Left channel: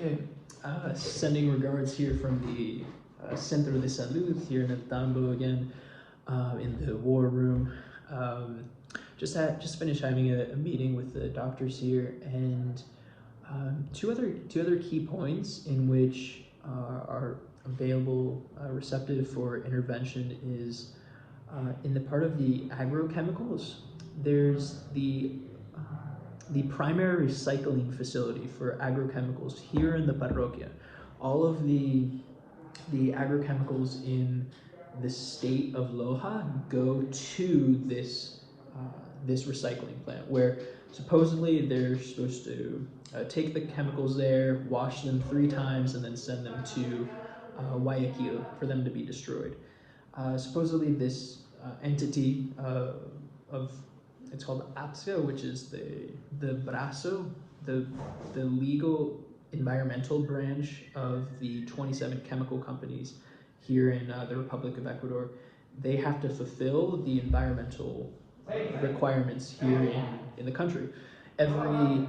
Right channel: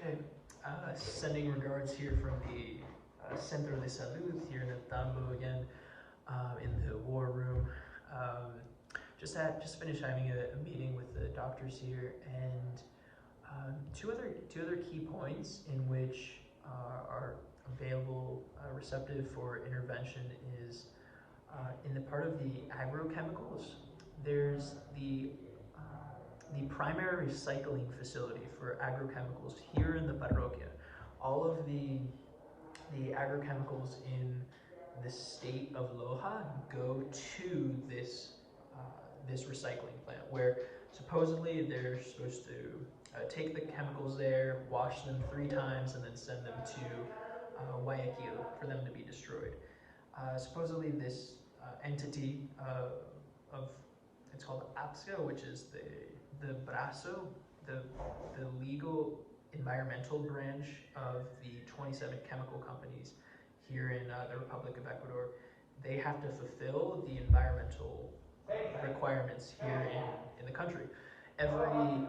Okay, sending regards here from the Centro de Salud here in El Tambo again, in the war room. Just finished having a meeting with the doctors here, and two other key points in which are available, receptive for intervention is in the part of the agrochemicals. There's the primary recycling facility for agrochemicals here in the parroquia. All of the agrochemicals in the state of Loja go to this recycling plant, where supposedly they're supposed to take the chemicals there, wash them 3 times, and then send them to Guayaquil for them to be destroyed. Supposedly this entity of it's called APSCA, which is the brazo, the legal environmental branch of the 27 chemical companies here in the Republic of Ecuador. They have to fulfill the environmental requirements here in the country. Every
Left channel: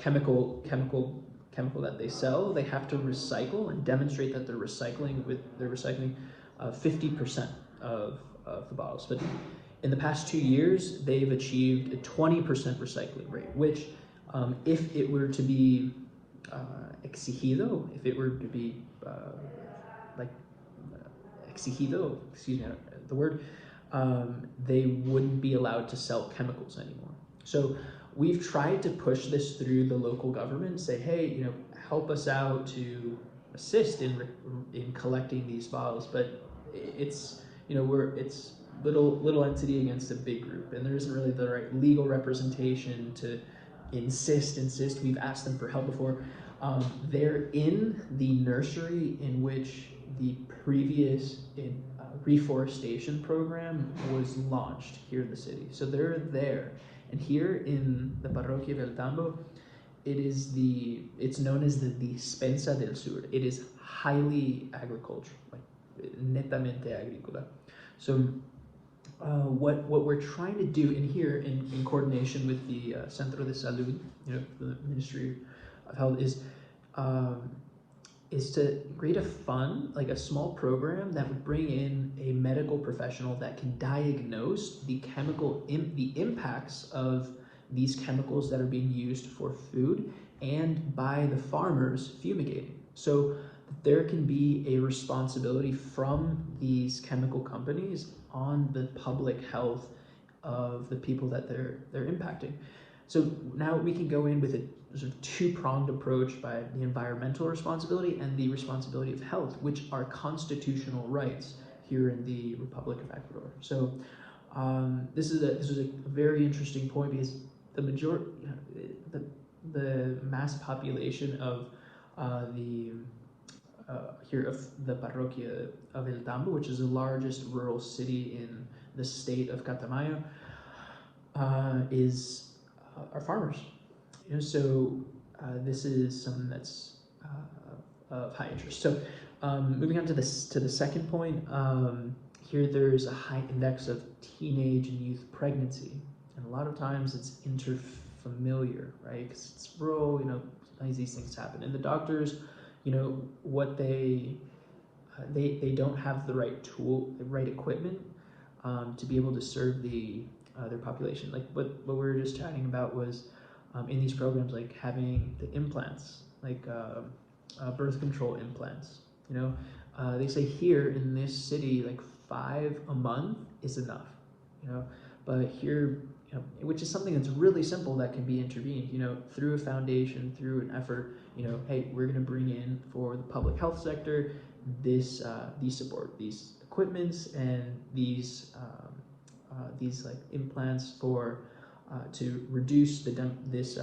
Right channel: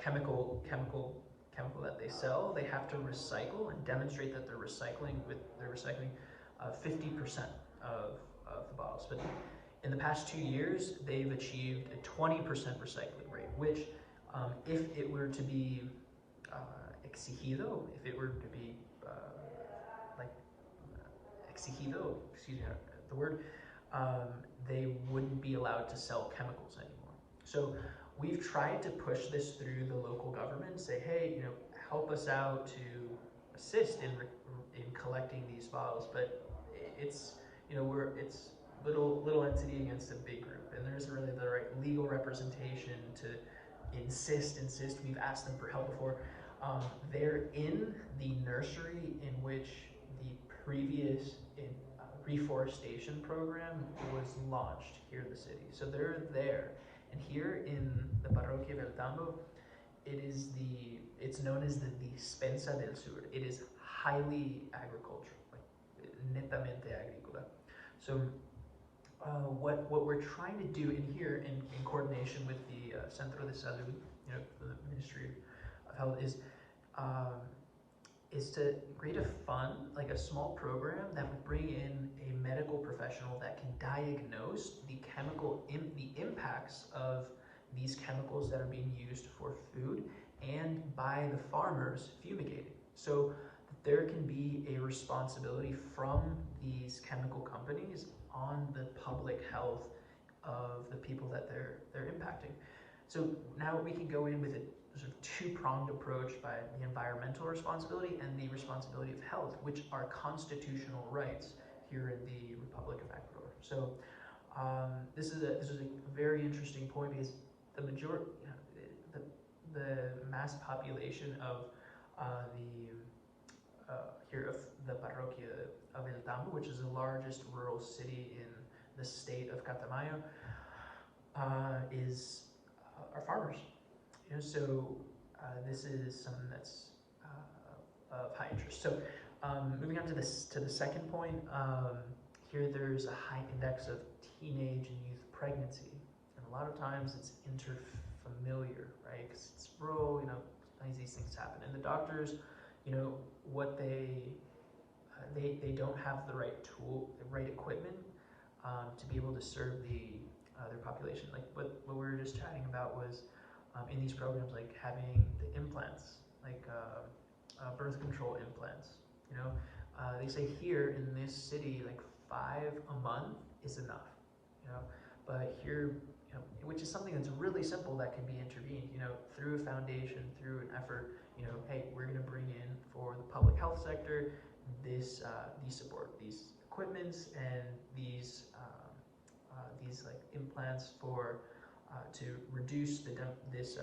chemical that they sell, they have to recycle and demonstrate that they're recycling 50% of the bottles. But in the past 2 years, they've achieved a 20% recycling rate, which if it were to be exigido, if it were to be exigido, excuse me, the word, they wouldn't be allowed to sell chemicals anymore. So we've tried to push this through the local government, say, hey, help us out to assist in collecting these bottles, but it's it's little entity against a big group, and there isn't really the right legal representation to insist. We've asked them for help before. They're in the nursery in which the previous reforestation program was launched here in the city. So they're there, and here in the Parroquia del Tambo, it's known as the Dispensa del Sur. It is highly agricultural, like netamente agrícola. So what we're trying to do in here, in coordination with the Centro de Salud, the Ministry of Health, is to create a fund, like a small program that would bring in a medical professional that can diagnose the impacts of these chemicals that are being used for food and by the farmers fumigating. So there can be a responsibility from these chemical companies on the public health of the people that they're impacting. So now we can go in with a sort of 2-pronged approach by the environmental responsibility and the responsibility of health, which are constitutional rights here in the Republic of Ecuador. So this is a very interesting point, because the majority, the mass population of here of the Parroquia of El Tambo, which is the largest rural city in the state of Catamayo, are farmers. So this is something that's of high interest. So moving on to the second point, here there's a high index of teenage and youth pregnancy, and a lot of times it's interfamiliar, right? Because it's rural, sometimes these things happen, and the doctors, what they don't have the right equipment to be able to serve their population. Like what we were just chatting about was in these programs, like having the implants, like birth control implants. They say here in this city, like 5 a month is enough. But here, which is something that's really simple that can be intervened, through a foundation, through an effort. Hey, we're going to bring in for the public health sector these support, these equipments, and these like implants for to reduce this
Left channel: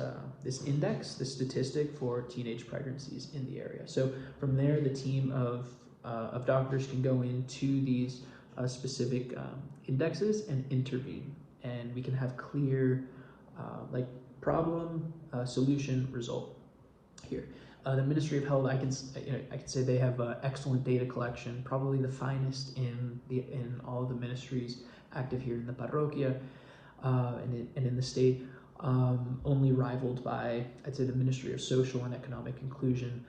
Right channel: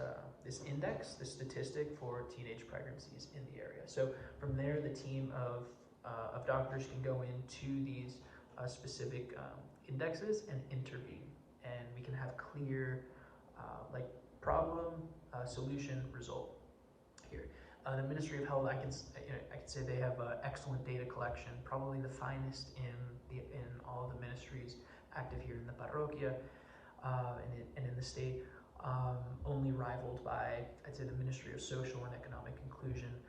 index, this statistic for teenage pregnancies in the area. So from there, the team of doctors can go into these specific indexes and intervene, and we can have clear like problem, solution, result here. The Ministry of Health, I can say they have excellent data collection, probably the finest in all the ministries active here in the parroquia and in the state. only rivaled by, I'd say, the Ministry of Social and Economic Inclusion,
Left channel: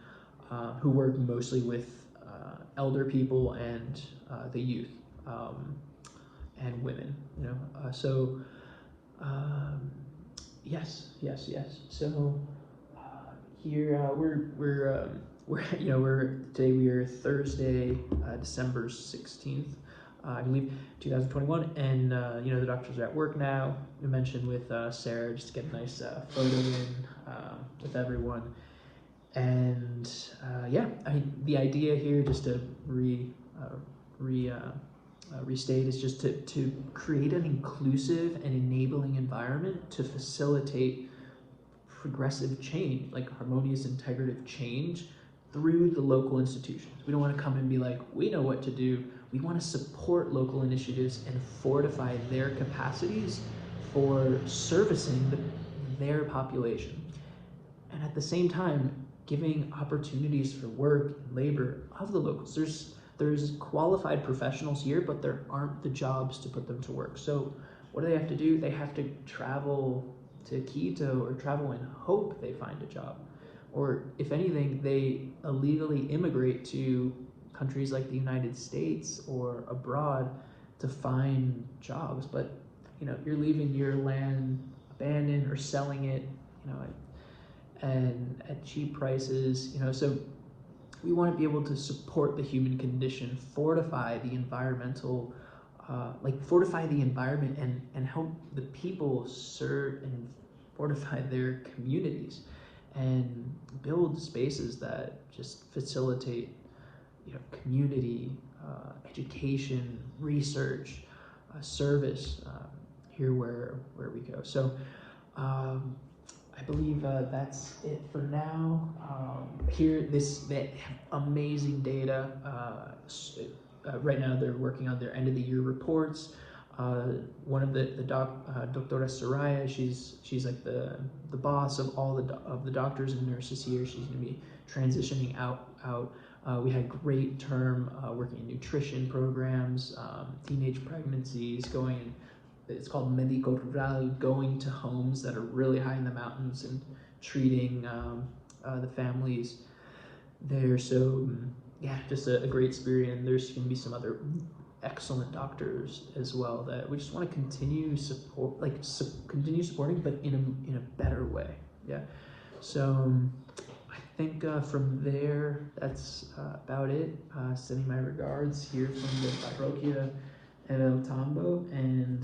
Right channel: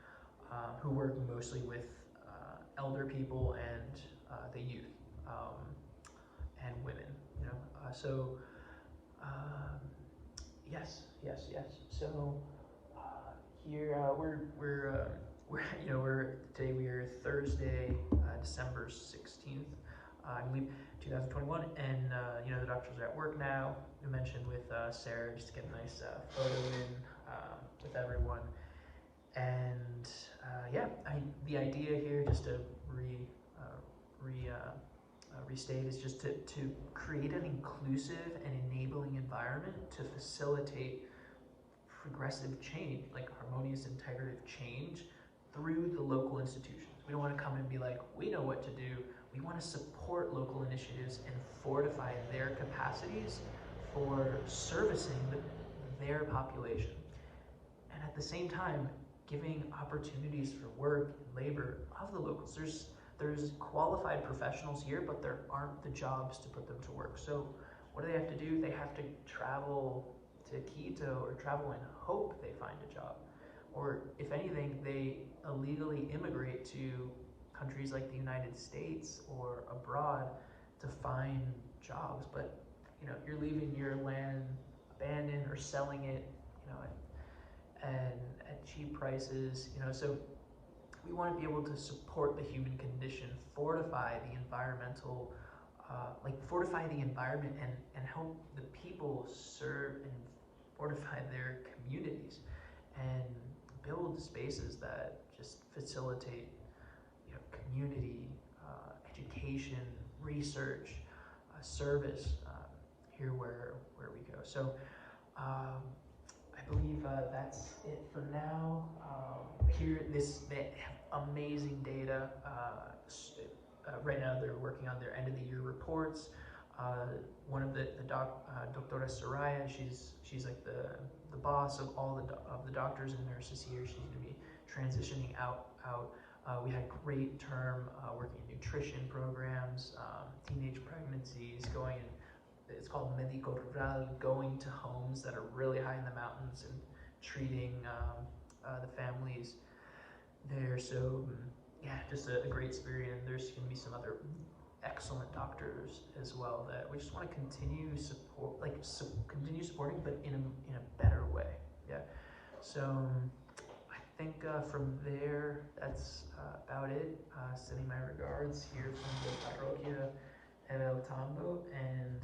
who work mostly with elder people and the youth and women. Yes. So here we're today we are Thursday, December 16th, I believe, 2021, and the doctors are at work now. We mentioned with Sarah just to get a nice photo in with everyone, and yeah, I mean the idea here, just to restate, is just to create an inclusive and enabling environment to facilitate progressive change, like harmonious integrative change through the local institutions. We don't want to come and be like, we know what to do. We want to support local initiatives and fortify their capacities for servicing their population. And at the same time, giving opportunities for work and labor of the locals. There's qualified professionals here, but there aren't the jobs to put them to work. So what do they have to do? They have to travel to Quito or travel and hope they find a job. Or if anything, they illegally immigrate to countries like the United States or abroad to find jobs. But you're leaving your land abandoned or selling it, and at cheap prices, so we want to be able to support the human condition, fortify the environmental, fortify the environment and help the people serve and fortify their communities and build spaces that just facilitate, community, education, research, service, here where we go. So I believe that's it for now. Here, they have amazing data. Right now, they're working on their end of the year reports. One of Doctora Soraya, she's like the boss of all the doctors and nurses here. She's going to be transitioning out. We had great term working in nutrition programs, teenage pregnancies, going in. It's called Médico Rural, going to homes that are really high in the mountains and treating the families there. So yeah, just a great experience. There's going to be some other excellent doctors as well that we just want to continue continue supporting, but in a better way. Yeah. So I think from there, that's about it. Sending my regards here from the Parroquia of El Tambo, and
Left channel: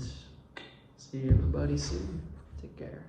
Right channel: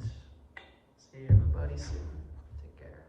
see everybody soon. Take care.